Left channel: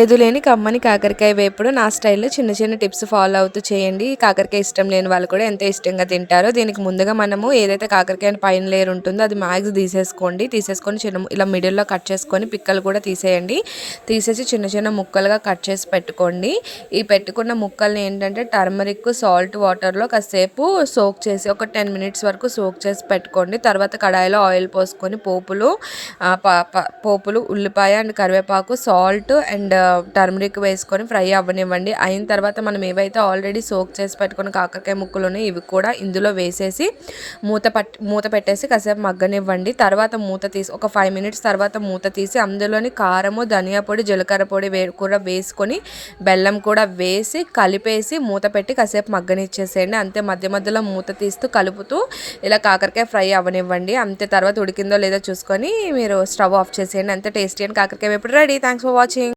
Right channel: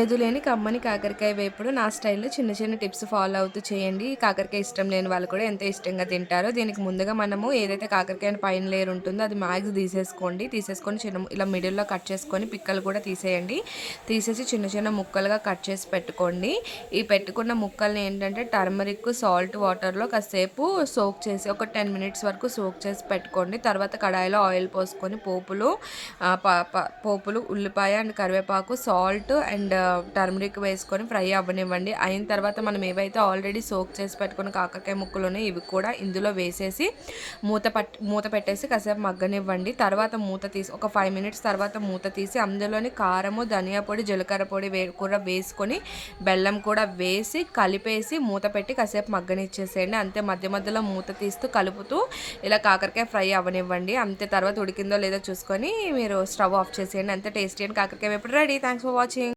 ఎదులేని కమ్మని కాకరకాయ వేపుడు నా స్టైల్లో చిన్న చిన్న టిప్స్ ఫాలో అవుతూ చేయండి. కాకరకాయ ఇష్టం లేని వాళ్ళు కూడా ఎంతో ఇష్టంగా తింటారు. దీనికి ముందుగా మనము ఏదైతే కాకరకాయ పైన లేయర్ ఉంటుందో అది మ్యాక్స్ తీసేసుకొని చిన్న ఇలా మిడిల్లో కట్ చేసుకొని పిక్కలు కూడా తీసేయండి. తీసేసి చిన్న చిన్న ముక్కలుగా కట్ చేసి పెట్టుకోండి. ఈ పెట్టుకున్న ముక్కల్ని ఏంటంటే టర్మరిక్ సాల్ట్ వాటర్లో కాసేపు సోక్ చేసి ఒక 10 మినిట్స్ వరకు సోక్ చేసి పెట్టుకోండి. తర్వాత కడాయిలో ఆయిల్ పోసుకొని పోపులు ఉల్లిపాయ అండ్ కరివేపాకు సాల్ట్ అండ్ టర్మరిక్ వేసుకొని ఫ్రై అవ్వనివ్వండి. అయిన తర్వాత మనం ఏవైతే ఆల్రెడీ సోక్ చేసి పెట్టుకున్న కాకరకాయ ముక్కలు ఉన్నాయి ఇవి కూడా ఇందులో వేసేసి మూత పెట్టేసి కాసేపు మగ్గనివ్వండి. తర్వాత మూత తీసి ఒక 5 మినిట్స్ తర్వాత మూత తీసి అందులోని కారము ధనియా పొడి జీలకర్ర పొడి కూడా వేసుకొని బెల్లం కూడా వేసి కలిపేసి మూత పెట్టి కాసేపు మగ్గనిచ్చేసేయండి. అంతే మధ్య మధ్యలో మూత తీస్తూ కలుపుతూ ఇలా కాకరకాయ ఫ్రై అవ్వనివ్వండి. అంతే తర్వాత ఉడికిందో లేదో చూసుకొని మీరు స్టవ్ ఆఫ్ చేసేయండి. అంతే టేస్టీ అండ్ కాకరకాయ వేపుడు రెడీ. Thanks for watching.